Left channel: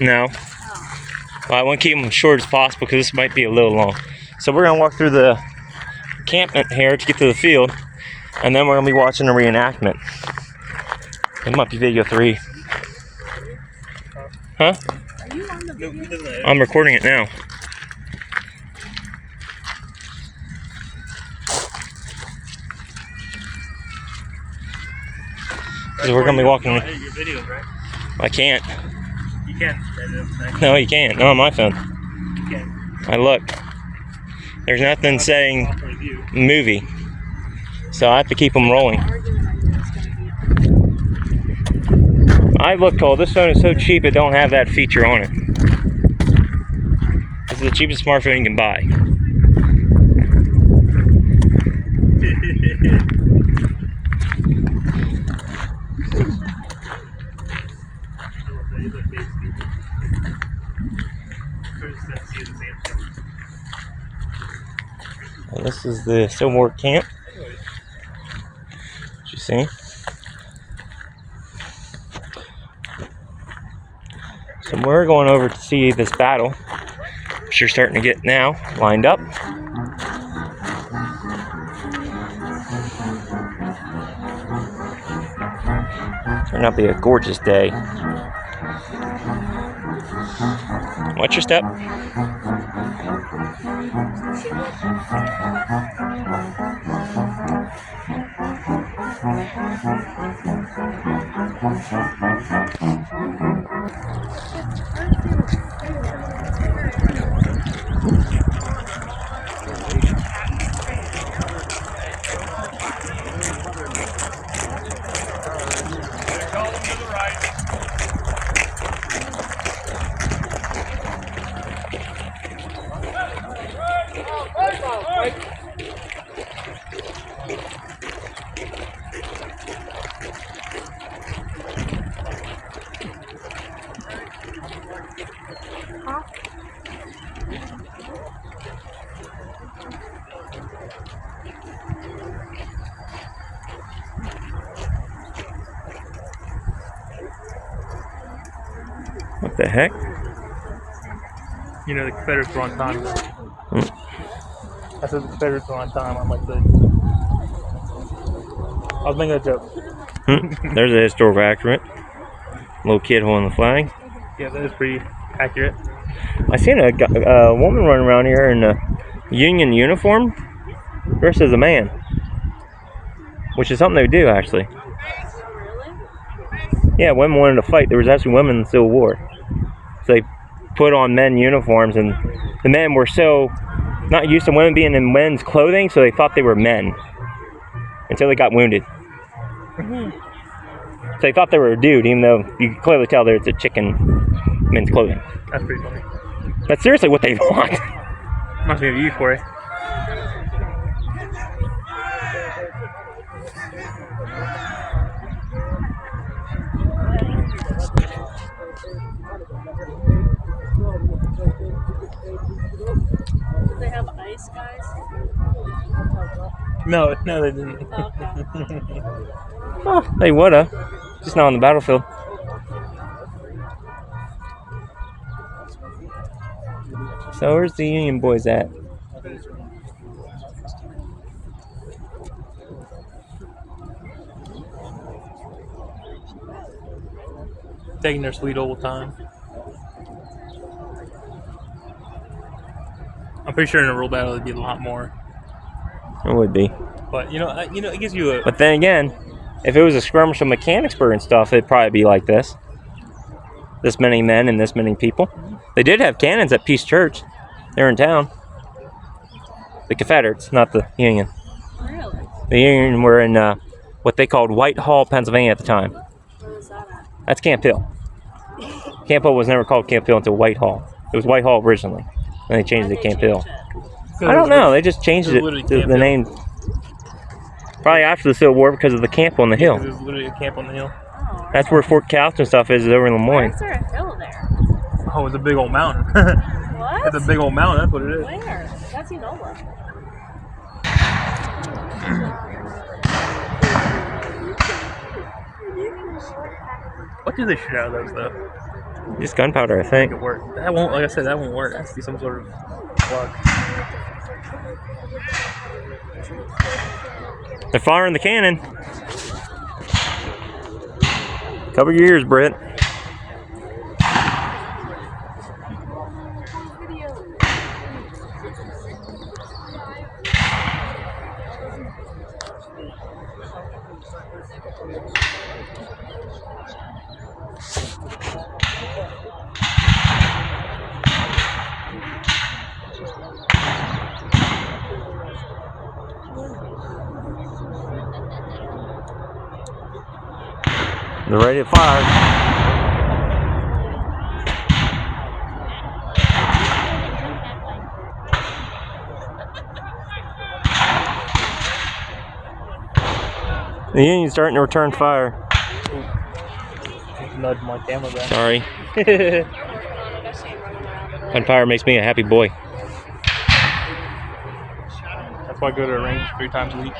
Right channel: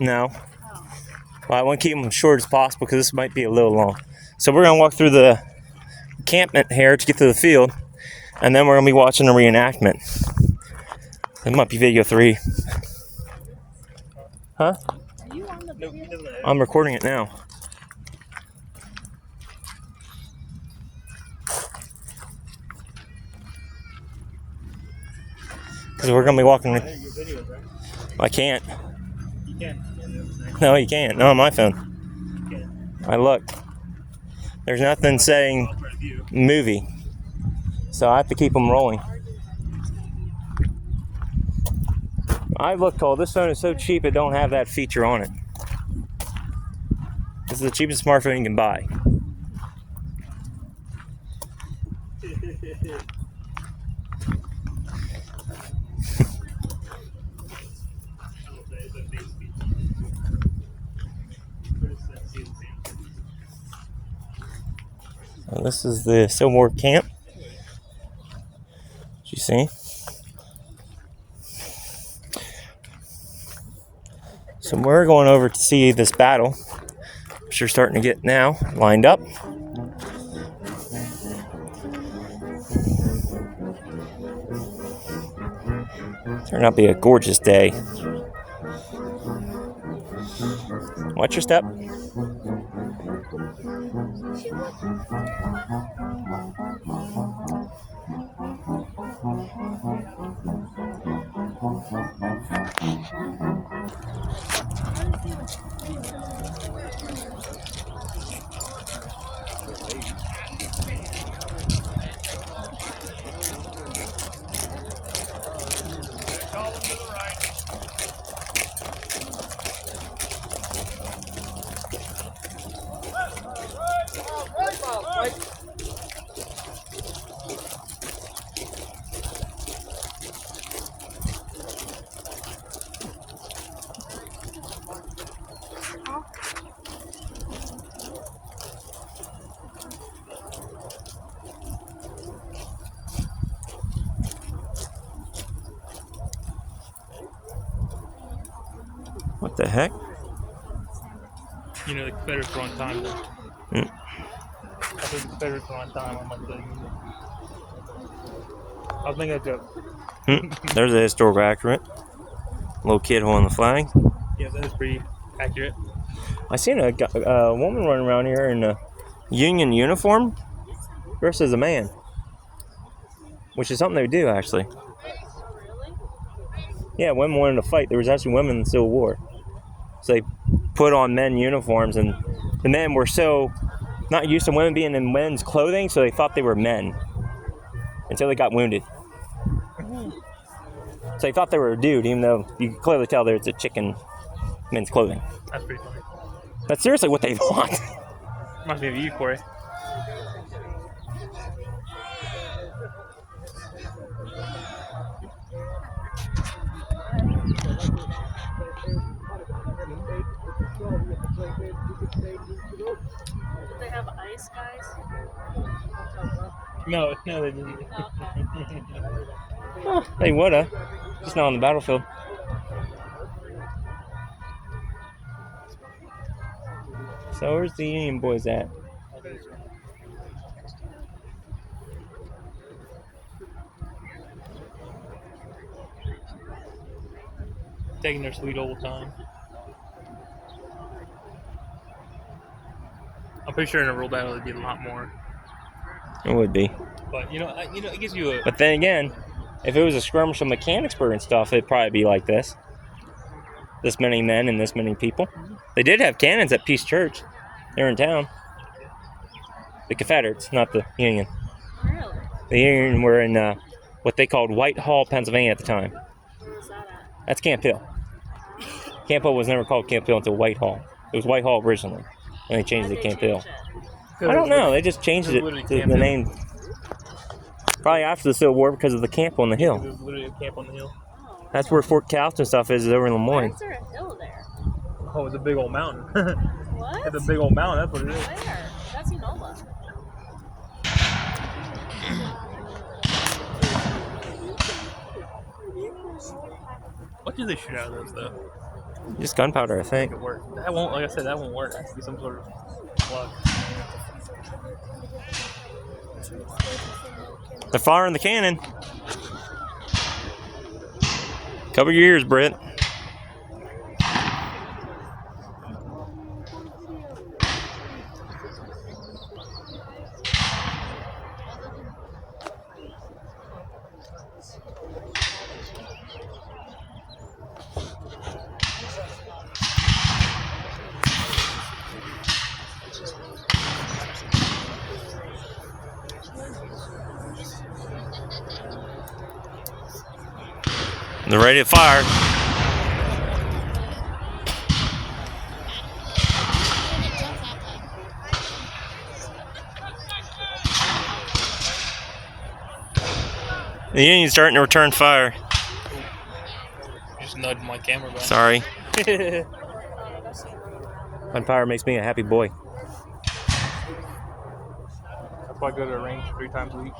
No. Well, I want to keep them short as possible because this might be a little long. So we're going to walk through the encampment here to get to the field, and then we're going to be watching a reenactment. It might be video 3. Huh? Are you on the video? I'm recording it now. So we're going to be walking. I can't. You can. No, you can't. Not on my phone. You can. I looked. There's nothing saying movie. So I have to keep them rolling. I looked all. This phone is so cheap it don't have that feature on it. This is the cheapest smartphone you can buy. Well, this is the Civil War camp. As you see. So we're going over to see this battle, which you're starting to get now lined up. Turned out to be a gorgeous day. Watch your step. What the heck? You know, the Confederates were on time. After the Confederates were on time, I'm like, I was making a joke. There's a historical accurate. Little kid holding the flag. Yeah, that is pretty accurate. I seen a woman running around here in a Union uniform dressed as a man, which is something they do actually. Yeah, women wanted to fight. There was actually women in the Civil War. So they put on men uniforms, and the men were so not used to women being in men's clothing, so they thought they were men until they got wounded. So they thought they were a dude, even though you could clearly tell that it's a chick in men's clothing. That's pretty funny. That's seriously what they want. Must be of you, Corey. Did they have ice, guys? No, they didn't. Okay. Oh, they woulda, just not on the battlefield. So where's the Union boys at? Taking their sweet old time. I'm pretty sure in a real battle it'd be a lot more. It would be. But you know, it gives you a. But then again, if it was a skirmish of Mechanicsburg and stuff, it'd probably be like this. This many men and this many people. They did have cannons at Peace Church. They're in town. The Confederates, not the Union. Really? The Union were in what they called Whitehall, Pennsylvania at the time. Where was that at? That's Camp Hill. Camp Hill was never called Camp Hill until Whitehall. It was Whitehall originally. Then they changed it to Camp Hill. I don't know. They just changed it to the name. Probably after the Civil War because of the camp on the hill. There's literally a camp on the hill. Oh, That's where Fort Calhoun stuff is over in why Lemoyne. is there a hill there? Oh, it's a big old mountain. What? It's a big old mountain. That's what it is. Where? That's Enola. What? do they shoot out of those though? Just gunpowder, I Make think. it work. That won't. Like I said, that won't work. It has to be some sort of plug. They're firing the cannon. Cover your ears, Britt. They're ready to fire. The Union's starting to return fire. Just nudged my camera back. Sorry. Gunpowder makes me a happy boy. That's why I go to a range 3 times a week.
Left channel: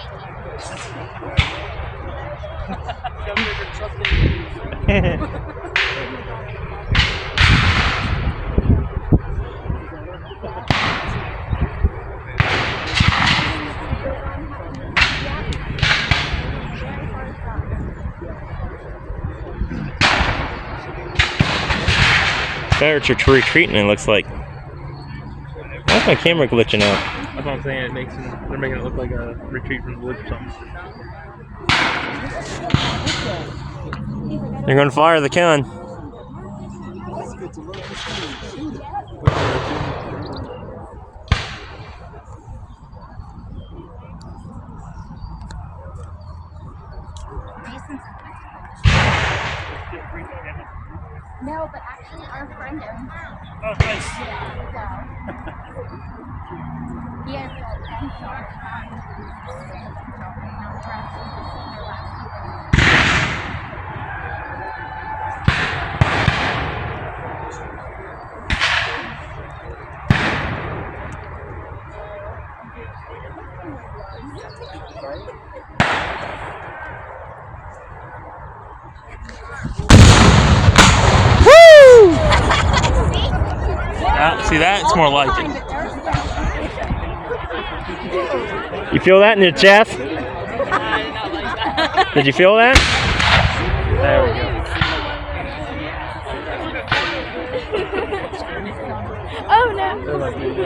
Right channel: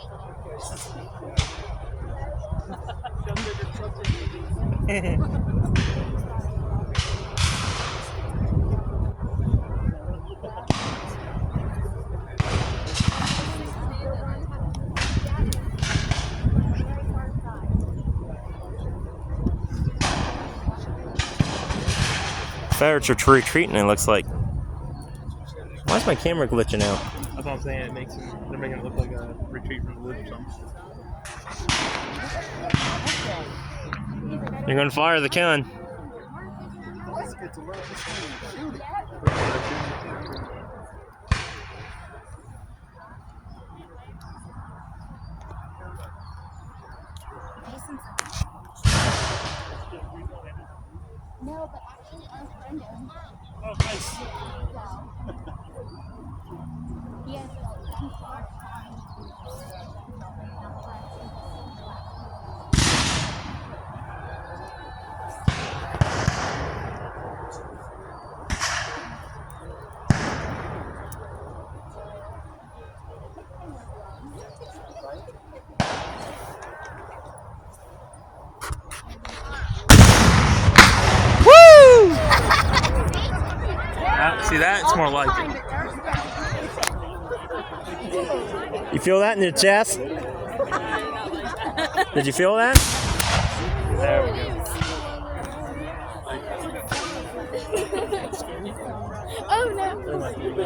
Confederates are retreating, it looks like. Why's my camera glitching out? That's what I'm saying. It makes them, they're making it look like a retreat from the woods or something. They're going to fire the cannon. No, but actually our friend is. Oh, nice. He has See that? It's more like it. You feel that in your chest? Did you feel that? There we go. Oh no! They're like, there you go.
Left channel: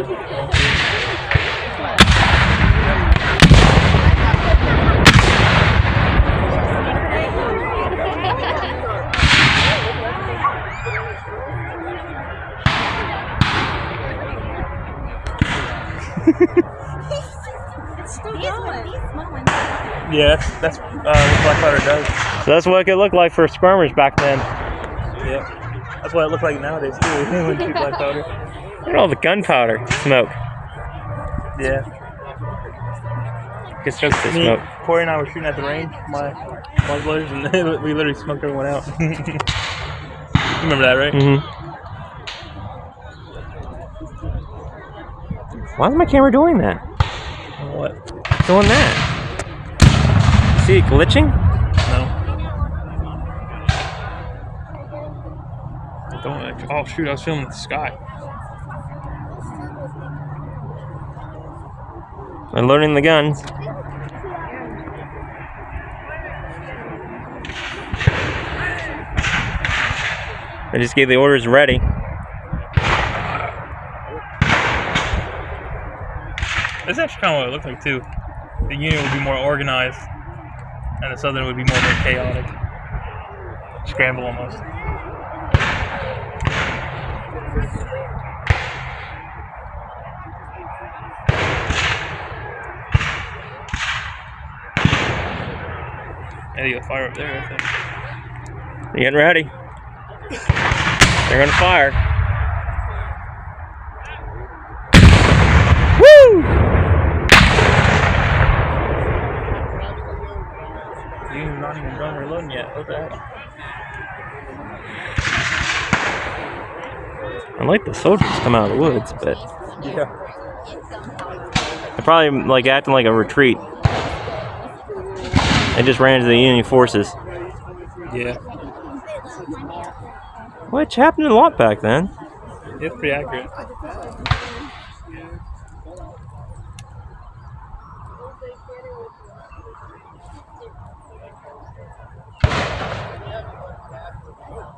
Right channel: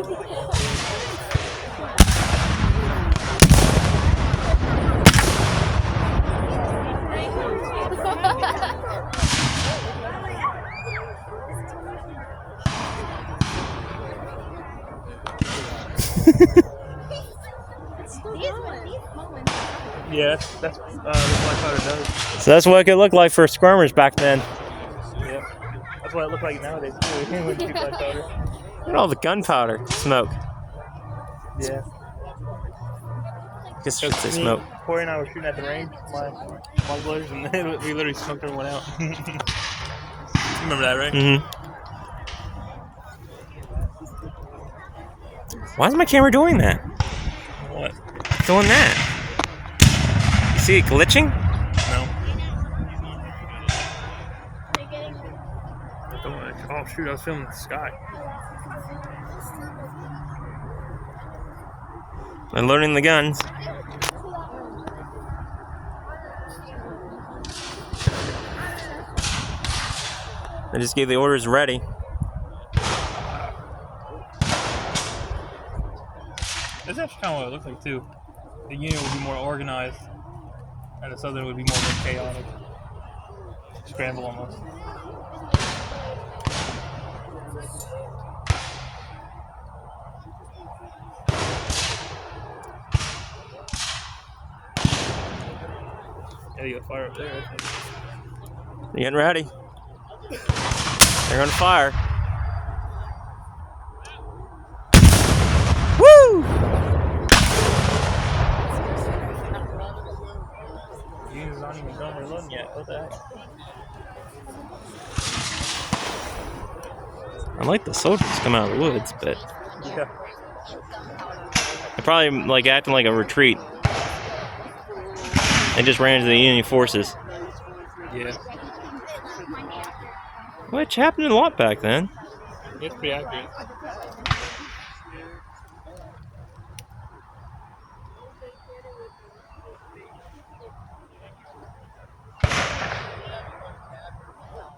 It's still These going. moments. Yeah, that's what black powder does. So that's what it could look like for skirmers back then. Yeah. That's what it looks like nowadays too. When you shoot black powder. Look at all the gunpowder smoke. Yeah. Just shoots the Me, smoke. Corey and I were shooting at the range, my muzzlers, and we literally smoked everyone out. You remember that, right? Mm-hmm. Why is my camera doing that? What? Doing that? See it glitching? No. Oh shoot! I was filming the sky. I'm loading the guns. I just gave the orders ready. That's actually kind of what it looked like too. The Union would be more organized, and the Southern would be more chaotic. Scramble almost. Yeah, you'll fire up there, I think. You're getting ready. They're gonna fire. Woo! The Union's not even done reloading yet. What the heck? I like the soldiers come out of the woods, but Yeah. they're probably like acting like a retreat. They just ran into the Union forces. Yeah. What happened a lot back then? It's pretty accurate.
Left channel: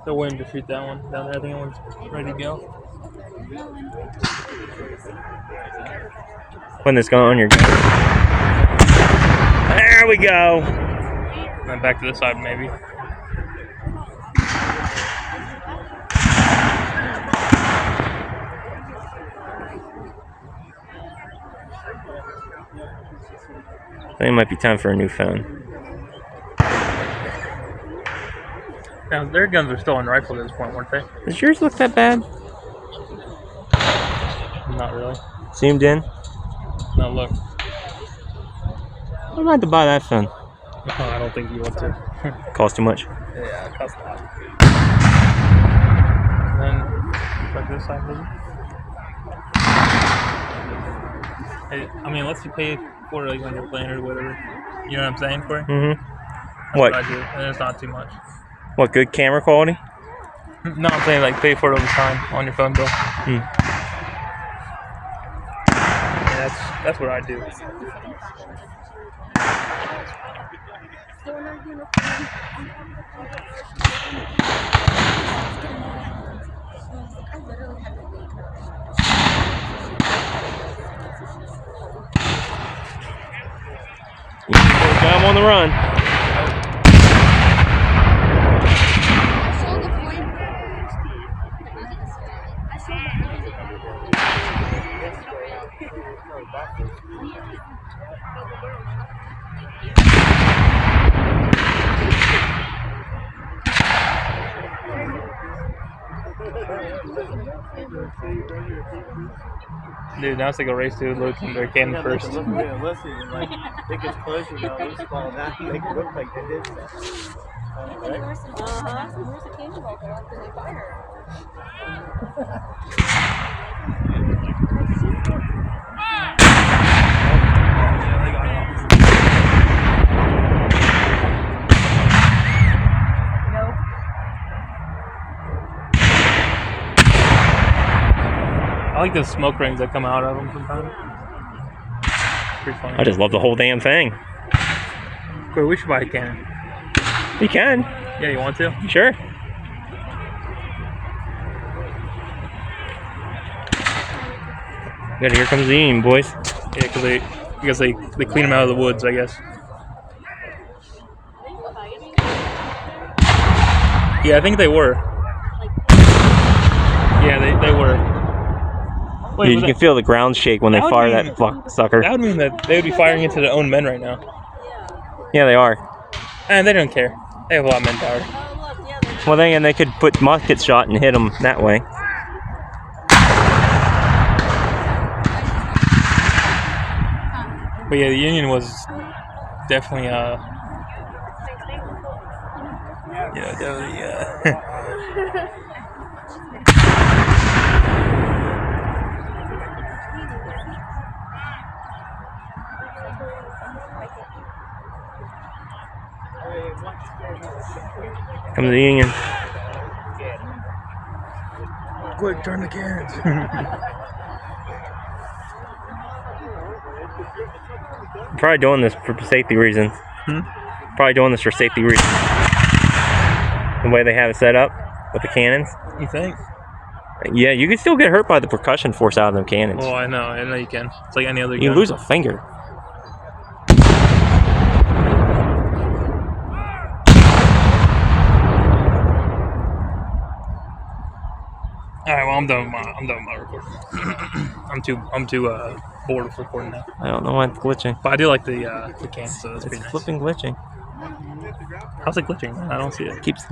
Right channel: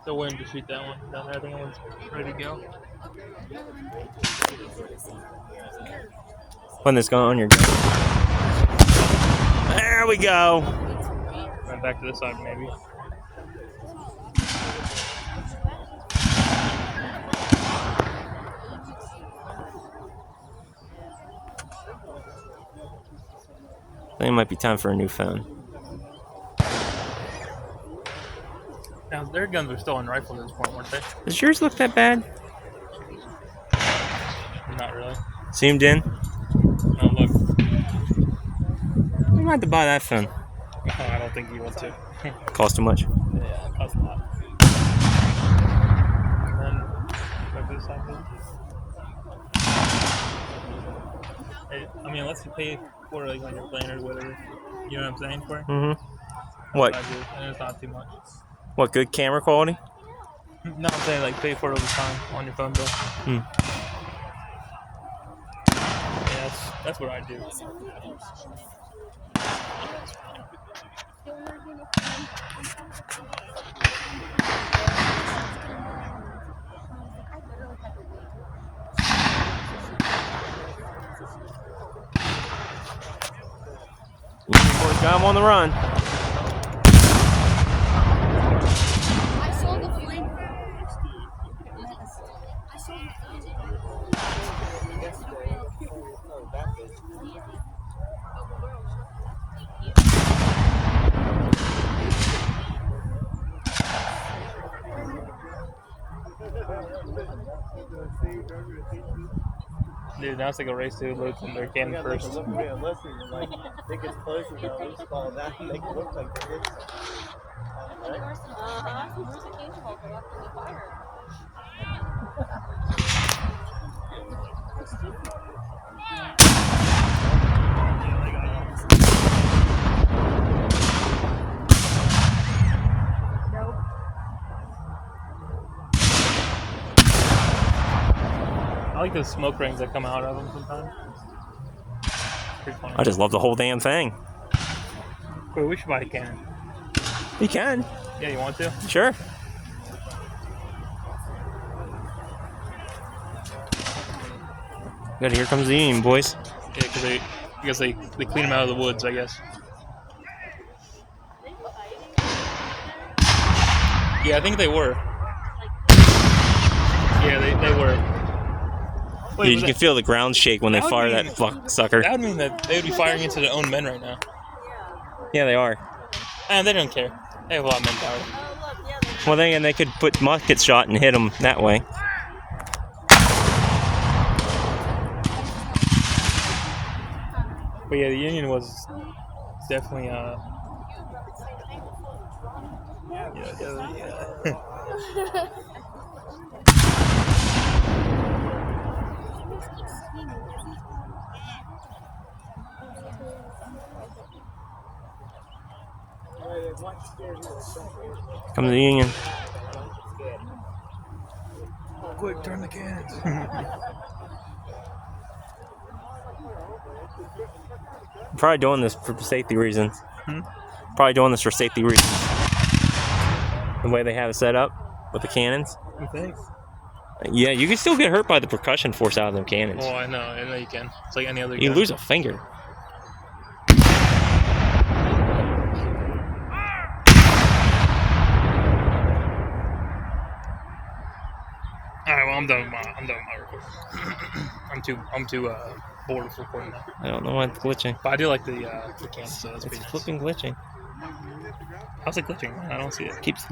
So when to shoot that one down there, I think that one's ready to go. When this going on your... There we go. And then back to this side, maybe. I think it might be time for a new phone. Now, their guns are still unrifled at this point, weren't they? Does yours look that bad? Not really. Zoomed in? No, look. I'm about to buy that phone. I don't think you want to. Cost too much. Yeah, it costs a lot. And then, back to this side, maybe? Hey, I mean, unless you pay for it like on your plan or whatever. You know what I'm saying, Corey? Mm-hmm. That's What? I do, and it's not too much. What, good camera quality? No, I'm saying like pay for it over time on your phone bill. Hmm. Yeah, that's what I do. I'm on the run. Dude, now it's like a race to load from their cannon first. Look realistic and like it gets closer now. They just fall down and make it look like they did something. I like the smoke rings that come out of them sometimes. Pretty funny. I just love the whole damn thing. Wait, we should buy a cannon. You can. Yeah, you want to? Sure. Good, here comes the Union, boys. Yeah, because they clean them out of the woods, I guess. Yeah, I think they were. Yeah, they were. Wait, Dude, you can feel the ground shake when they that would fire mean- that fuck sucker. That would mean that they would be firing into their own men right now. Yeah, they are. And they don't care. They have a lot of manpower. Well, then they could put musket shot and hit them that way. But yeah, the Union was definitely Come to the Union. Quick, turn the cannons. I'm probably doing this for safety reasons. Hmm? Probably doing this for safety reasons. The way they have it set up with the cannons. You think? Yeah, you can still get hurt by the percussion force out of them cannons. Oh, I know you can. It's like any other You gun. lose a finger. All right, well, I'm done with my recording. I'm too bored of recording now. I don't know why it's glitching. But I do like the can, so that's It's pretty nice. flipping glitching. How's it glitching, man? I don't see it. Keeps.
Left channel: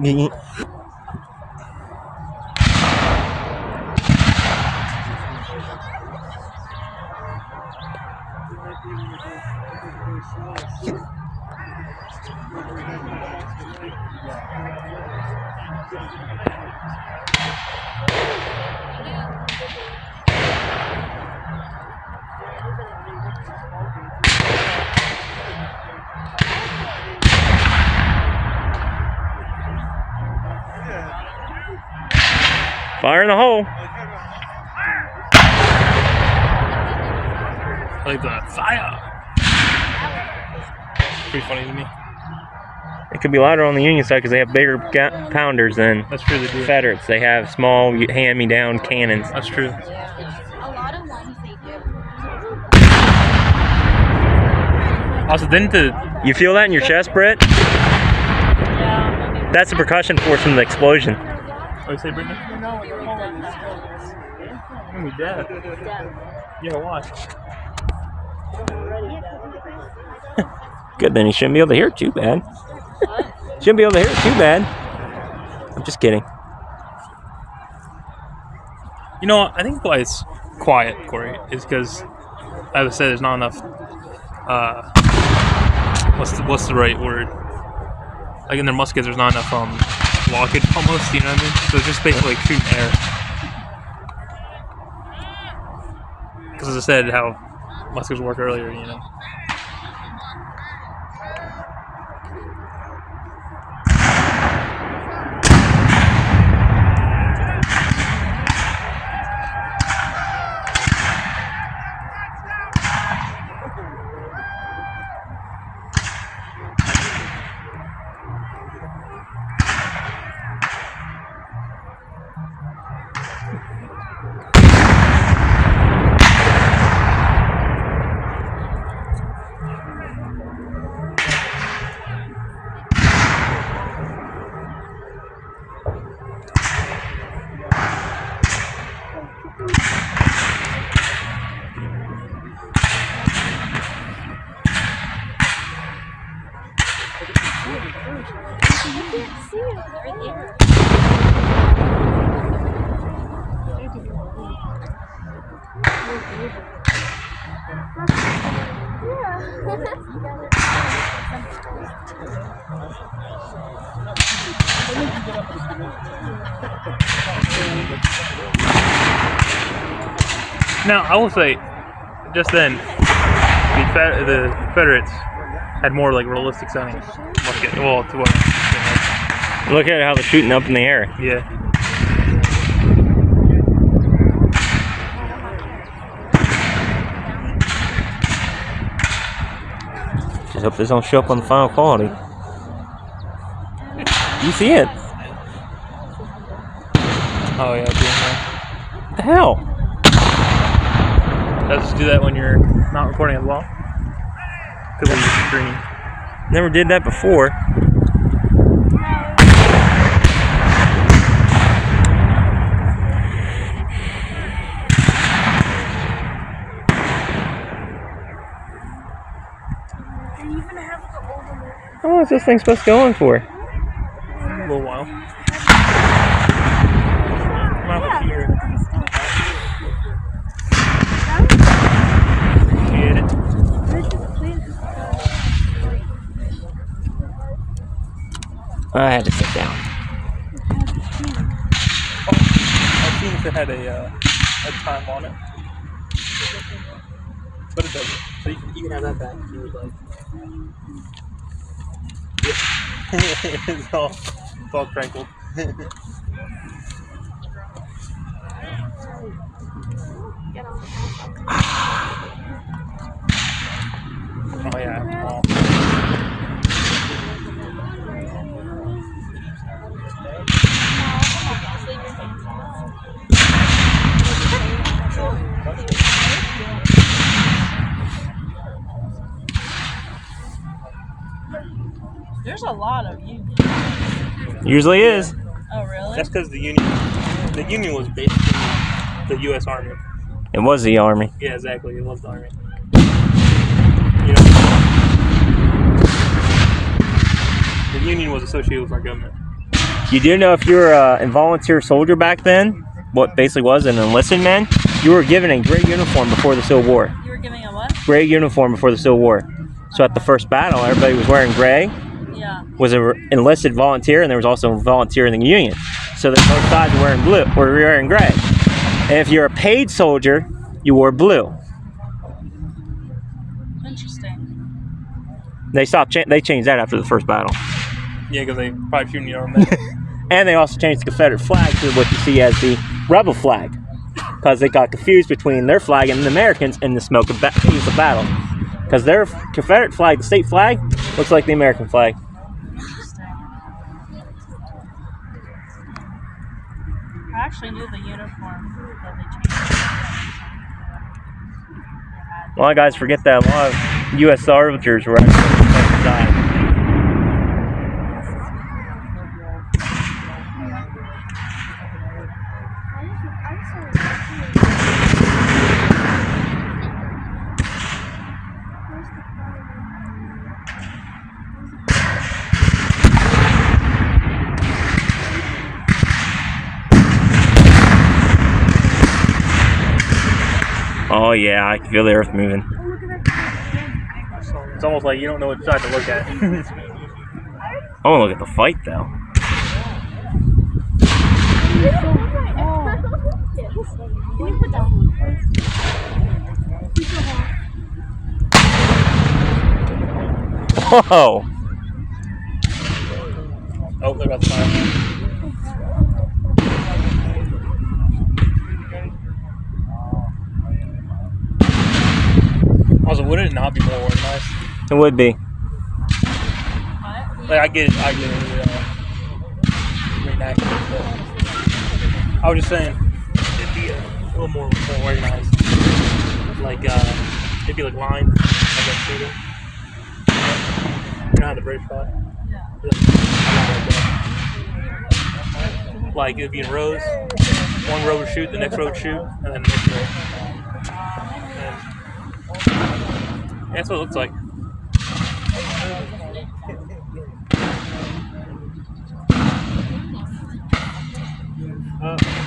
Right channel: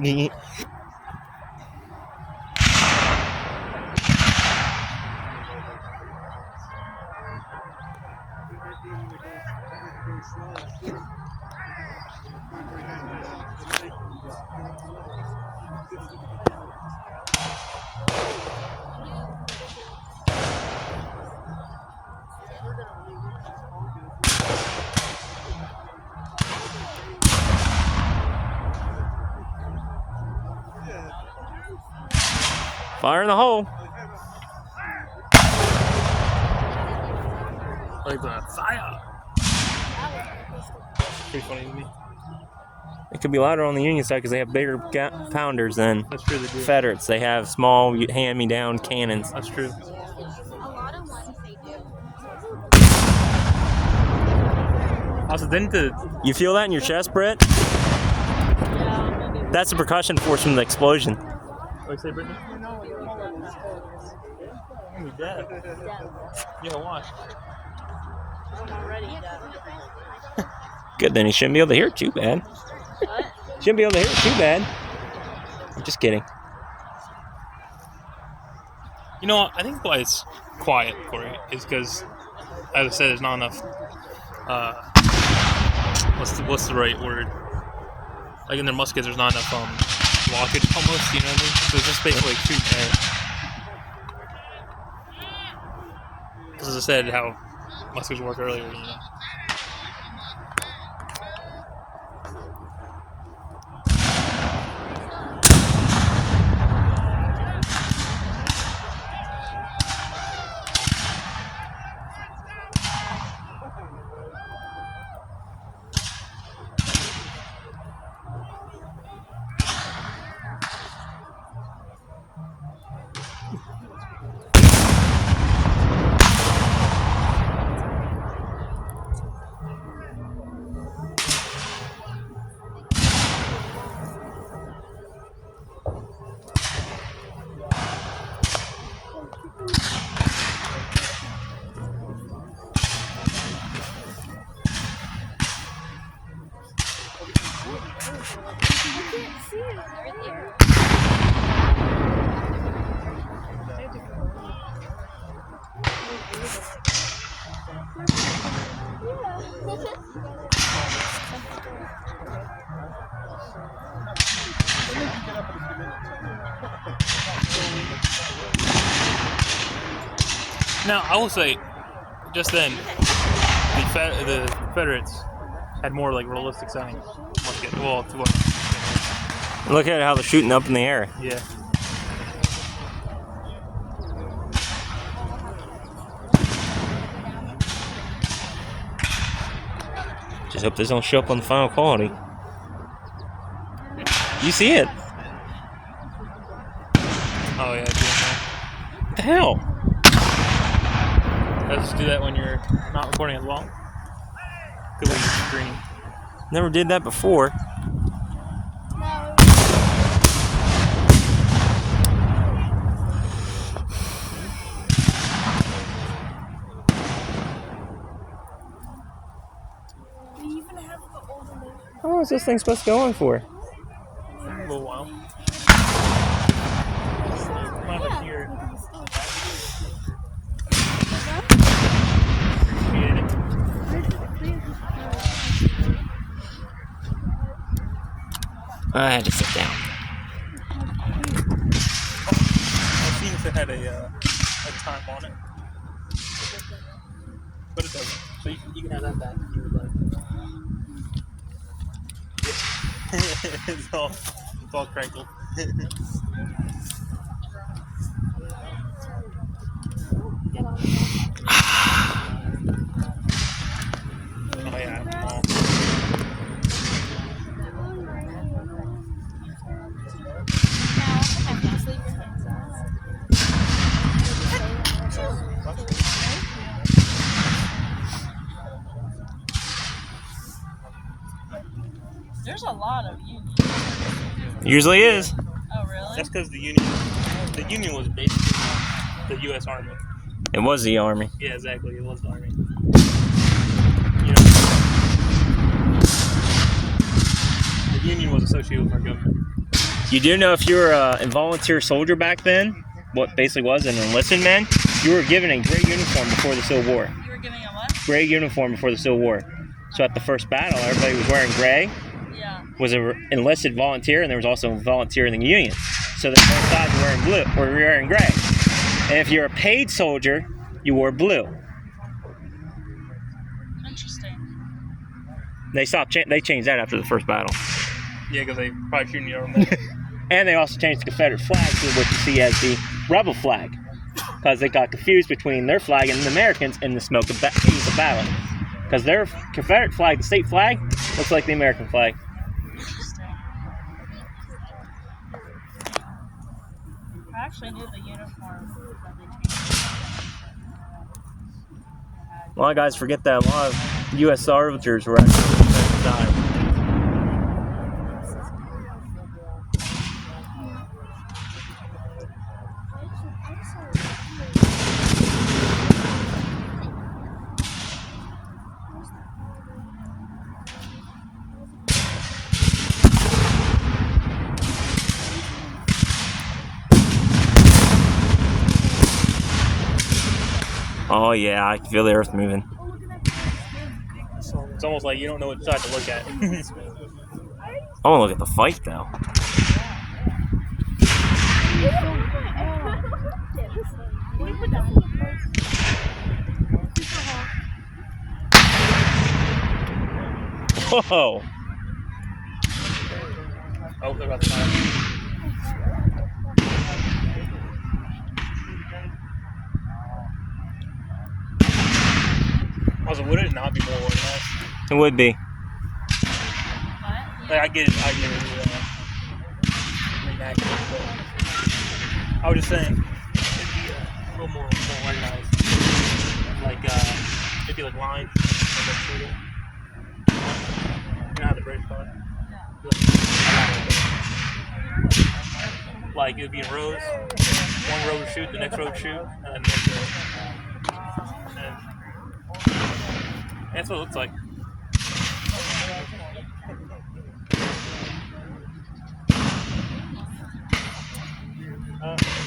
Fire in the hole. Like the fire. Pretty funny to me. It could be louder on the Union side because they have bigger pounders than That's true, they do. Confederates. They have small hand-me-down cannons. That's true. A lot of ones they do. Also, didn't the You feel that in your chest, Britt? That's the percussion force from the explosion. what did you say, Brittany? I'm gonna be dead. Yeah, watch. Good, then you shouldn't be able to hear it too bad. Shouldn't be able to hear it too bad. I'm just kidding. You know what? I think why it's quiet, Corey, is because, as I said, there's not enough. What's the right word? Like in their muskets, there's not enough blockage almost. You know what I mean? So it's just basically like shooting air. Because as I said, how muskets work earlier, you know. Now, I will say, just then, the Confederates had more like realistic sounding musket. Well, to what? Look at how they're shooting up in the air. Yeah. Just hope this don't show up on the final quality. You see it? Oh yeah. What the hell? Does just do that when you're not recording as well? Because of your screen. Never did that before. How long is this thing supposed to go on for? A little while. I'm out of here. Appreciate it. I had to sit down. I've seen if it had a time on it. But it doesn't. So you can have that back if you would like. it's all crankled. Oh yeah. Oh. There's a lot of unions. Usually is. Oh, really? That's because the Union was basically the U.S. Army. It was the Army. Yeah, exactly. It was the Army. You know, the Union was associated with our government. You do know if you were a volunteer soldier back then, what basically was an enlisted man, you were given a gray uniform before the Civil War. You were giving a what? Gray uniform before the Civil War. So at the first battle, everybody was wearing gray. Yeah. Was an enlisted volunteer, and there was also a volunteer in the Union. So that both sides were wearing blue, were wearing gray. And if you're a paid soldier, you wore blue. Interesting. They changed that after the first battle. Yeah, because they probably shouldn't, you know. And they also changed the Confederate flag to what you see as the rebel flag, because they got confused between their flag and the Americans in the smoke of battle. Because their Confederate flag, the state flag, looks like the American flag. Interesting. I actually knew the uniform that they changed. A lot of guys forget that a lot of U.S. soldiers were died. Oh yeah, I can feel the earth moving. It's almost like you don't know what side to look at. I want to look at the fight though. Whoa! Oh, they're about to fire. Also, would it not be more organized? It would be. Like, I get reenactment. I was just saying, it'd be a little more organized. Like, it'd be like lines, like that shooting. You know how the British fought? Like, it would be in rows. One row would shoot, the next row would shoot, and then the next row. And that's what it looks like.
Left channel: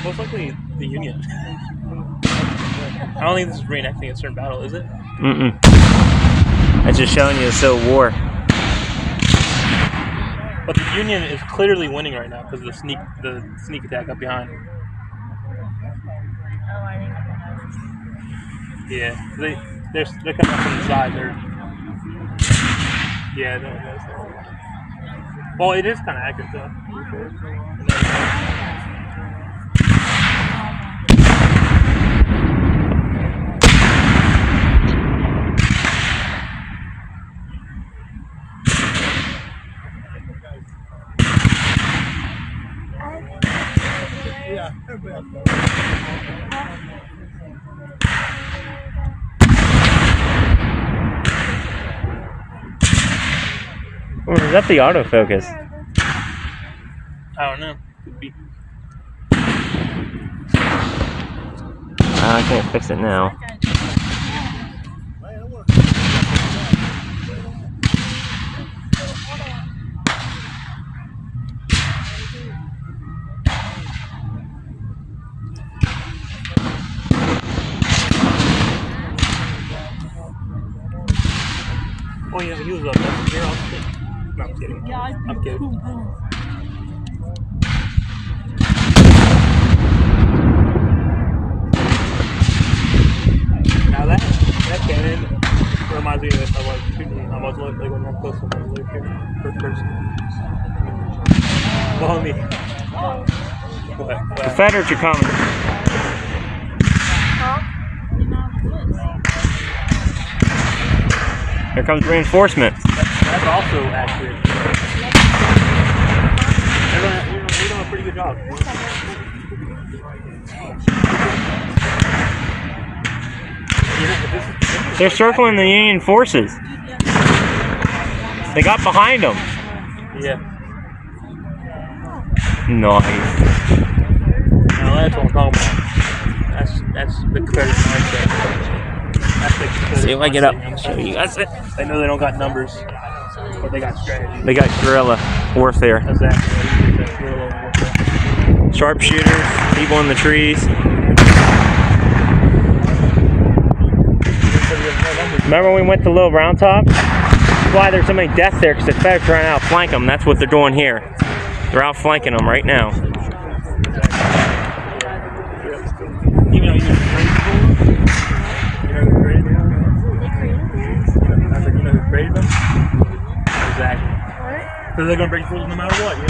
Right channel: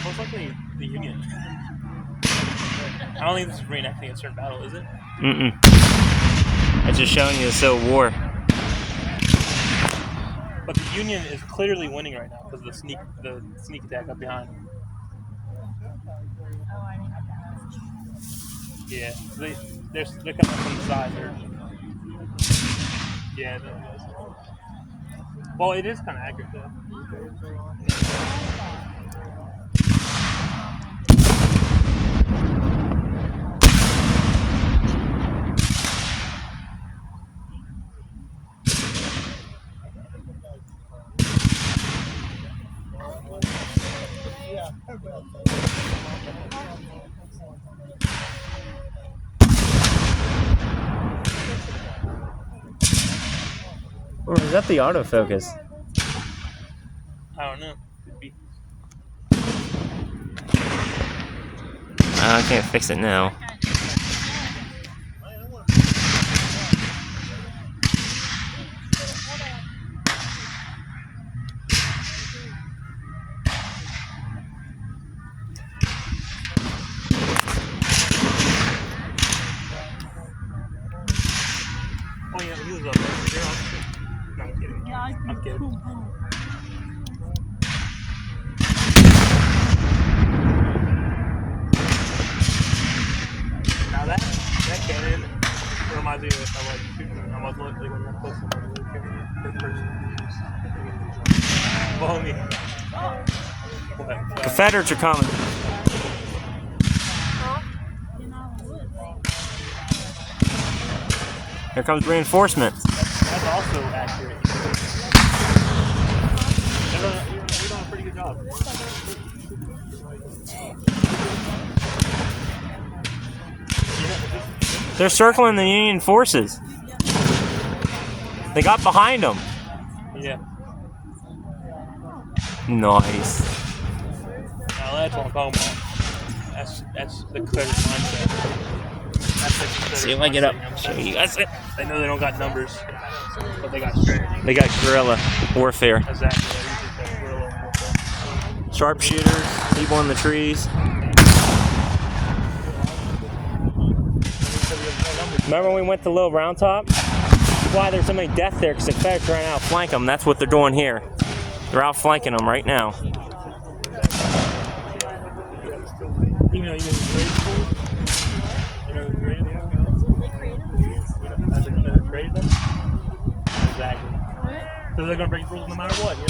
Most likely the Union. I don't think this is reenacting a certain battle, is it? Mm-mm. It's just showing you the Civil War. But the Union is clearly winning right now because of the sneak attack up behind. Yeah, they're coming up from the side. Well, it is kind of accurate though. Or is that the autofocus? I don't know. Could be. I can't fix it now. Oh yeah, he was a messenger officer. No, I'm kidding. Yeah, I'm kidding. Now that cannon reminds me of like shooting. I was like when I'm close to my live here, first person. Follow me. What? Confederates are coming. Here comes reinforcements. That's also accurate. You're doing a pretty good job. They're circling the Union forces. They got behind them. Yeah. Nice. No, that's what I'm talking about. That's the Confederate mindset. See if I get up. That's it. They know they don't got numbers, but they got strategy. They got guerrilla warfare. Exactly. That's guerrilla warfare. Sharpshooters, people in the trees. Remember when we went to Little Round Top? That's why there's so many deaths there, because the Confederates trying to outflank them. That's what they're doing here. They're outflanking them right now. You know the grade school? You know who created them? You know who created them? Exactly. Because they're going to break rules no matter what. You know?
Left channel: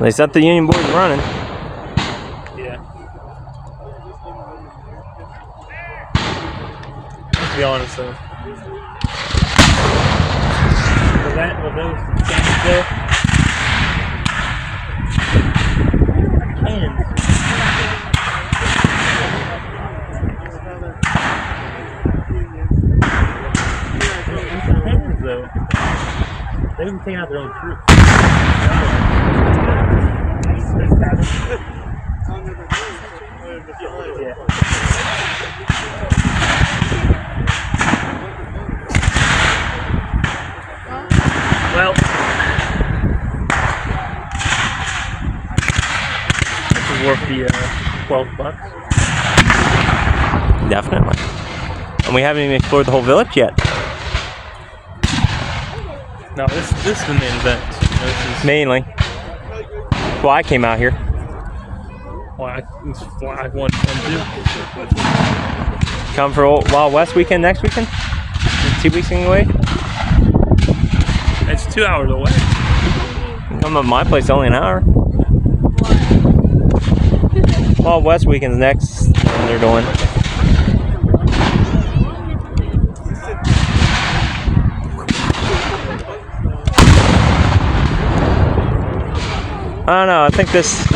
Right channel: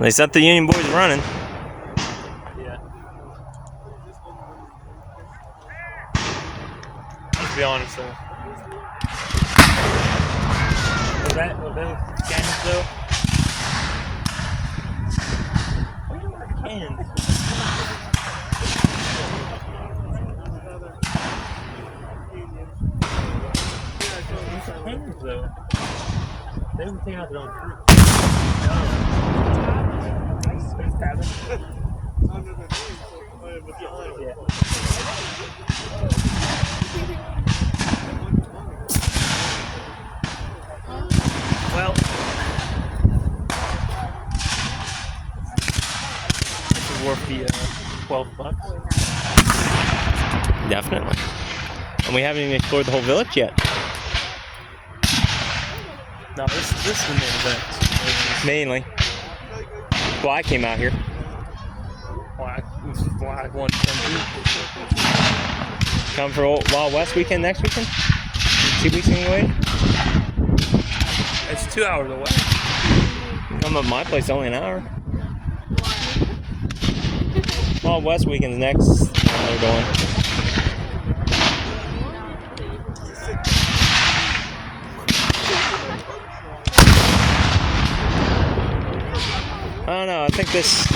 They set the Union boys running. Yeah. Let's be honest though. Was those cannons there? Cannons. Cannons though. They were taking out their own troops. Yeah. Well, this is worth the $12. Definitely. And we haven't even explored the whole village yet. No, this is the main event. This is Mainly. Well, I came out here. why I want them to. Come for Wild West weekend next weekend? 2 weeks away? It's 2 hours away. Come at my place, only an hour. Wild West weekend's next. They're doing. I don't know. I think this.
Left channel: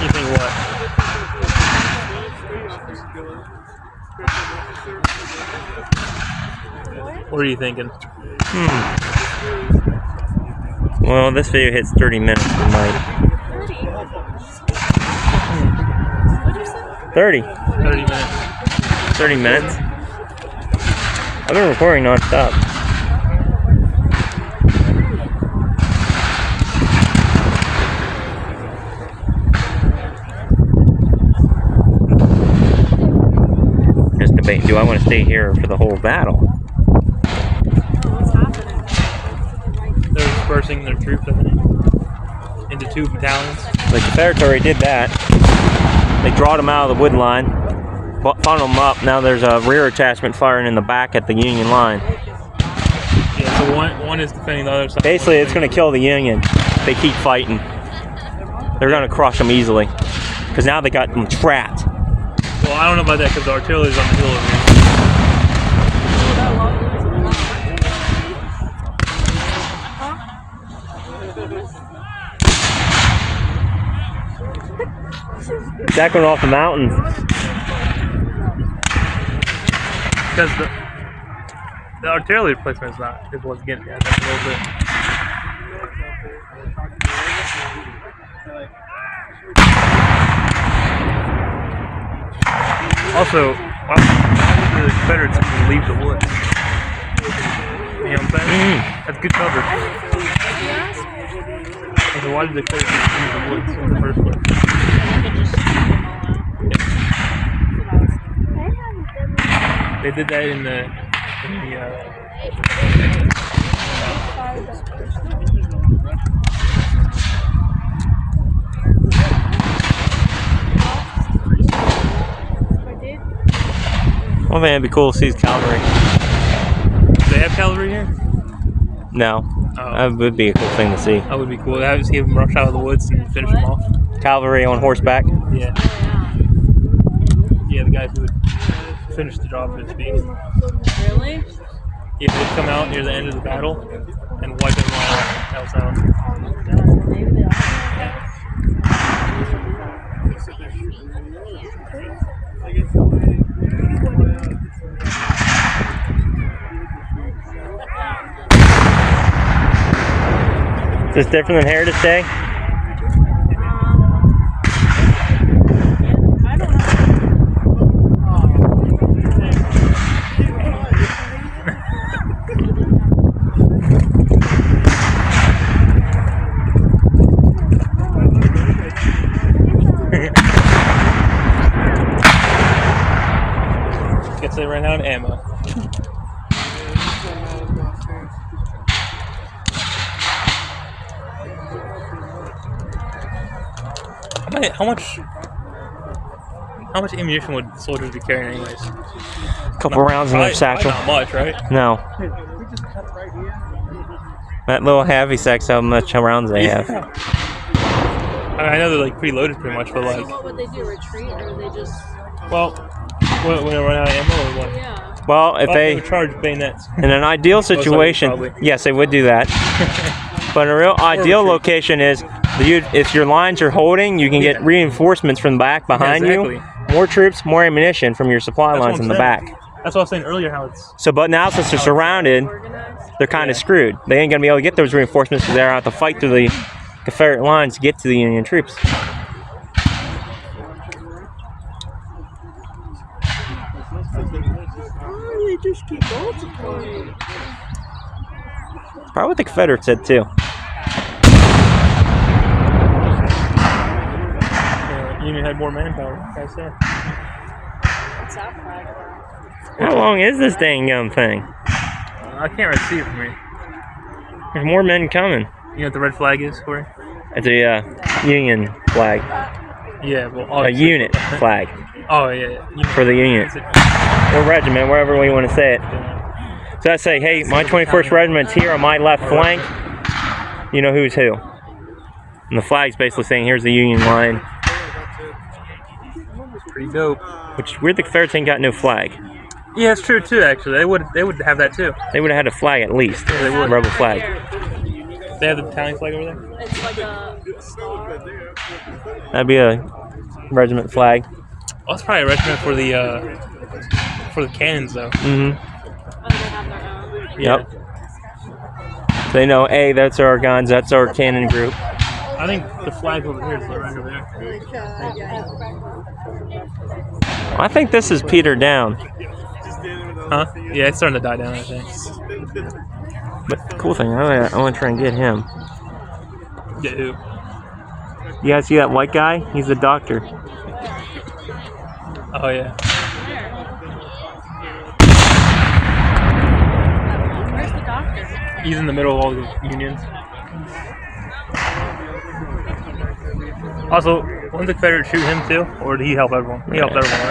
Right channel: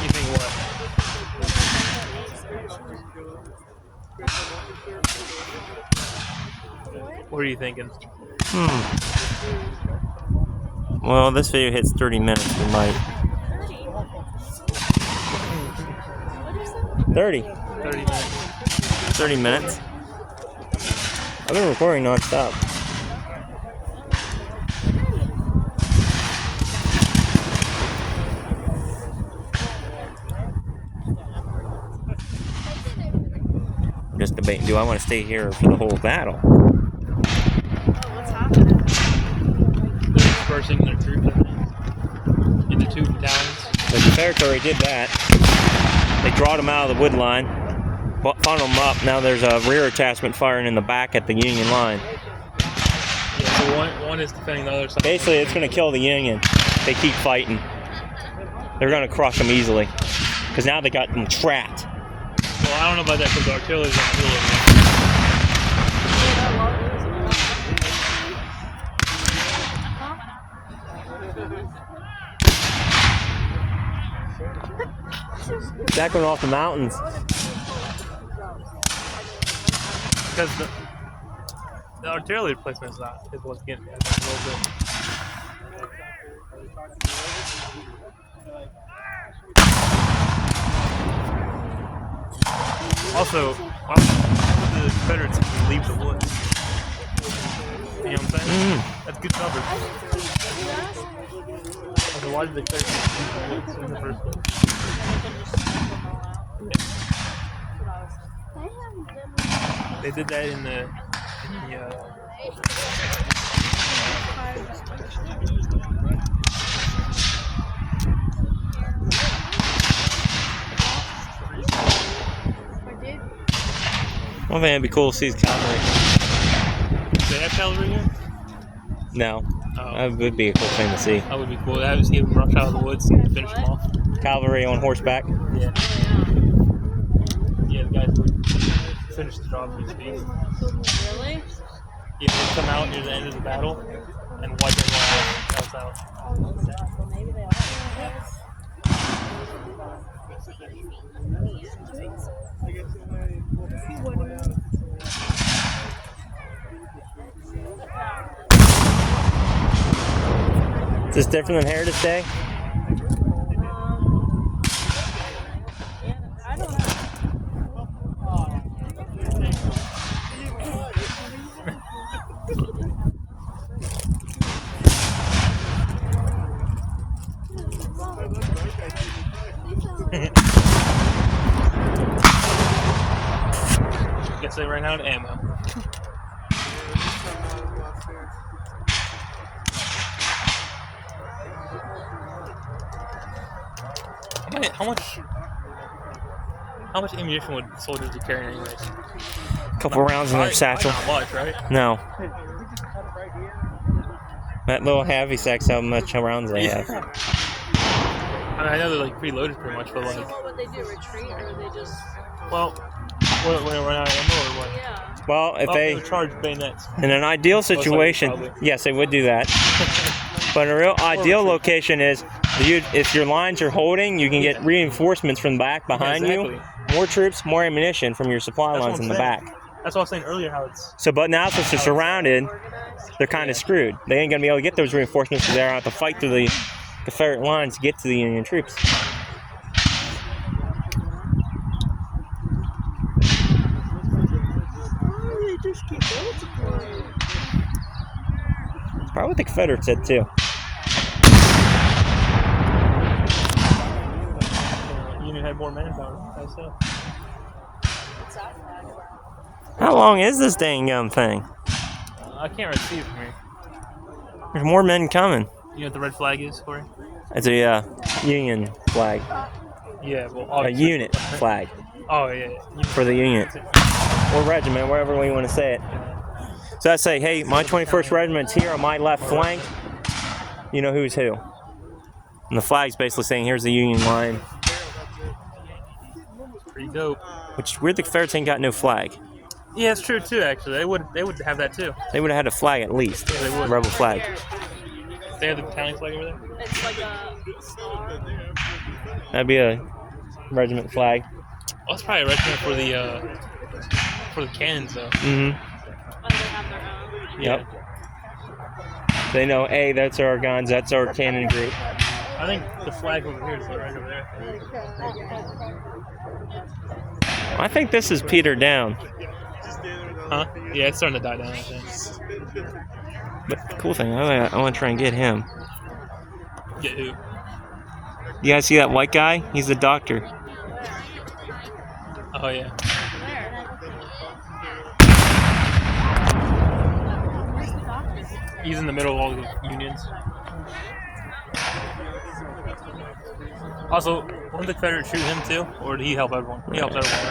You think what? What are you thinking? Well, this video hits 30 minutes for my. 30. 30 minutes. 30 minutes. I've been recording non-stop. Just debate, do I want to stay here for the whole battle? What's happening? They're dispersing their troops, I think, into 2 battalions. The Confederates already did that. They drawed them out of the wood line, funneled them up. Now there's a rear attachment firing in the back at the Union line. Yeah, so one is defending the other side. Basically, it's going to kill the Union if they keep fighting. They're going to crush them easily. Because now they got them trapped. Well, I don't know about that because the artillery's on the middle of Jack went off the mountains. because the artillery placement is what's getting me. I think a little bit. Also, why would the Confederates even leave the woods? You know what I'm saying? That's good cover. Also, why did the Confederates leave the woods in the first place? They did that in the One thing that'd be cool to see is cavalry. Do they have cavalry here? No. Oh. That would be a cool thing to see. That would be cool. That would see them rush out of the woods and finish them off. Cavalry on horseback. Yeah. Yeah, the guys would finish the job, so to speak. Really? Yeah, they'd come out near the end of the battle and wipe everyone off. That's how. Maybe they are. Is this different than Heritage Day? I don't know. Guess they ran out of ammo. Man, how much ammunition would soldiers be carrying anyways? A couple rounds in their Probably satchel. not much, right? No. That little heavy sack's how much rounds they have. I mean, I know they're like preloaded pretty much, but like, What would they do? Retreat, or they just? well, when they run out of ammo, or what? Yeah. Well, if They they, would charge bayonets. in an ideal likely, situation, probably. yes, they would do that. But a real ideal retreat. location is, if your lines are holding, you can get reinforcements from the back behind exactly. you. More troops, more ammunition from your supply That's lines what in I'm the saying. back. That's what I was saying earlier, how it's So, but now since they're surrounded, Organized. they're kind of Yeah. screwed. They ain't gonna be able to get those reinforcements because they're out to fight through the Confederate lines to get to the Union troops. They just keep multiplying. Probably what the Confederates said too. Union had more manpower. I say. What's that flag for? How long is this dang thing? I can't really see it from here. There's more men coming. You know what the red flag is, Corey? It's a Union flag, Yeah, well, a unit flag Oh yeah, yeah. for the Union Is it- or regiment, wherever we want to say it. So I say, hey, my 21st Regiment's here on my left flank. You know who's who. And the flag's basically saying, here's the Union line. Pretty dope. Which weird, the Confederates ain't got no flag. Yeah, it's true too. Actually, they would have that too. They would have had a flag at least. Yeah, they would. A rebel flag. They have the battalion flag over there. It's like a star. That'd be a regiment flag. Oh, that's probably a regiment for the cannons though. Mm-hmm. Oh, they have their own. Yeah. Yep. They know, hey, that's our guns, that's our cannon group. I think the flag over here is right over there. I think this is petered down. Huh? Yeah, it's starting to die down. I think. But the cool thing, I want to try and get him. Yeah. Who? You guys see that white guy? He's the doctor. Oh yeah. Where's the doctor? He's in the middle of all the unions. Also, wouldn't the Confederates shoot him too, or did he help everyone? He helped everyone, right?